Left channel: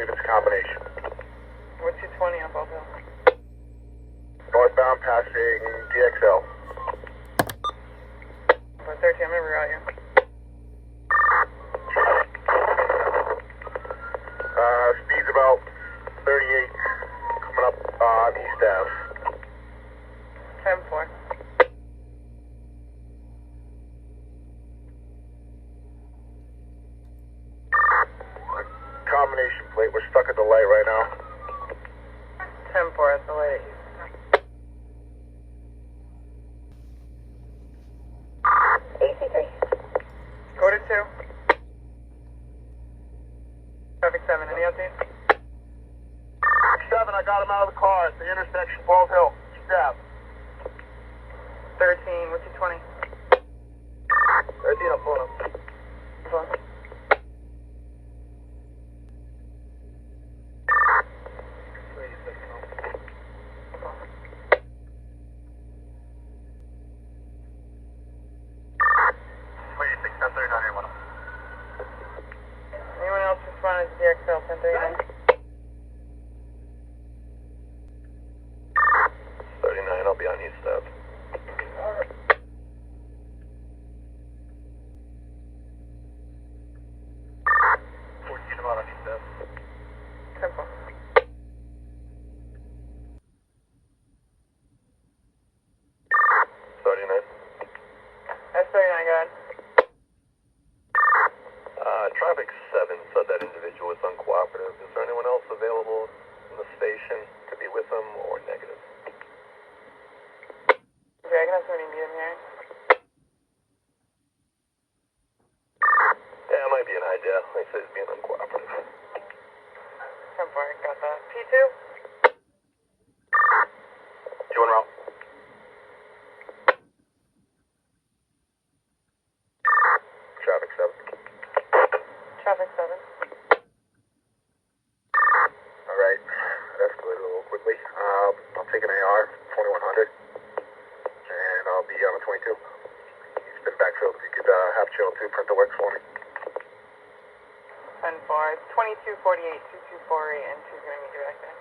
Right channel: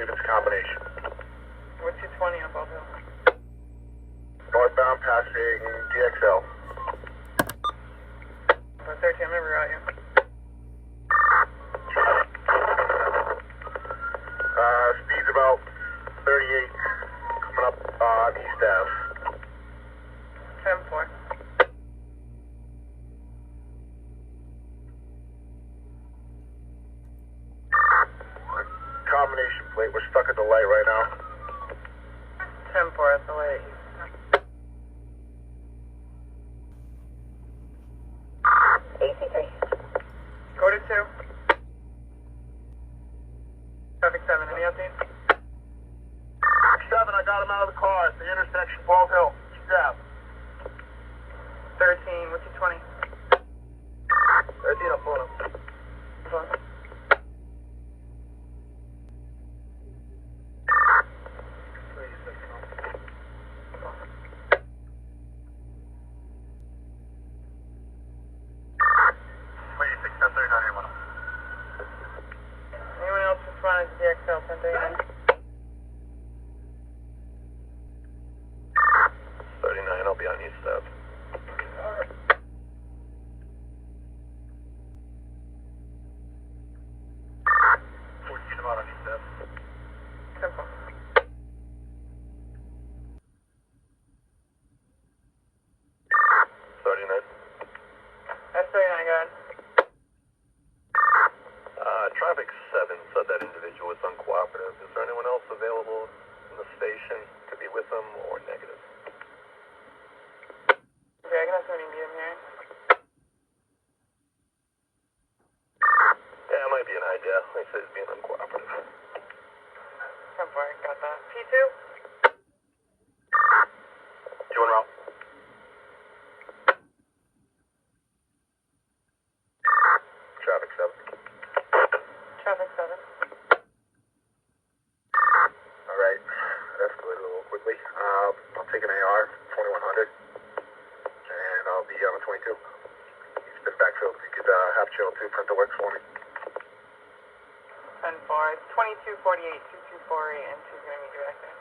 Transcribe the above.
believe it's a combination. We're 220 on Bald Hill. Northbound passing DXL. We're 13, I'm gonna reroute you. Speed's about 38, coming up on East Ave. 10-4. Combination plate, we're stuck at the light right now. 10-4 at the light. AC3. Go to 2. Traffic 7, any updates? 7, I got him out of the car at the intersection, Bald Hill, East Ave. 13, what's your 20? 13, I'm pulling up. Hold on. Anyone else responding to DXL 1039? 39, I'll be on East Ave. About on East Ave. 10-4. S39, go ahead. Traffic 7 said that individual was uncooperative. Is there anyone else available in the station to be with him or negative? Okay, I can have somebody meet him here. Yeah, it might be an idea. They said he's being uncooperative. 10-4, I got that. P2? You en route? Traffic 7. Traffic 7. Alright, that escalated a little quickly. I'll take an AR, 2100, and I'll be on a 22. He's been backfilled. If you could have channel 2 print the works for me. 10-4. It's 2248, 2248, and 2's gonna meet you back there.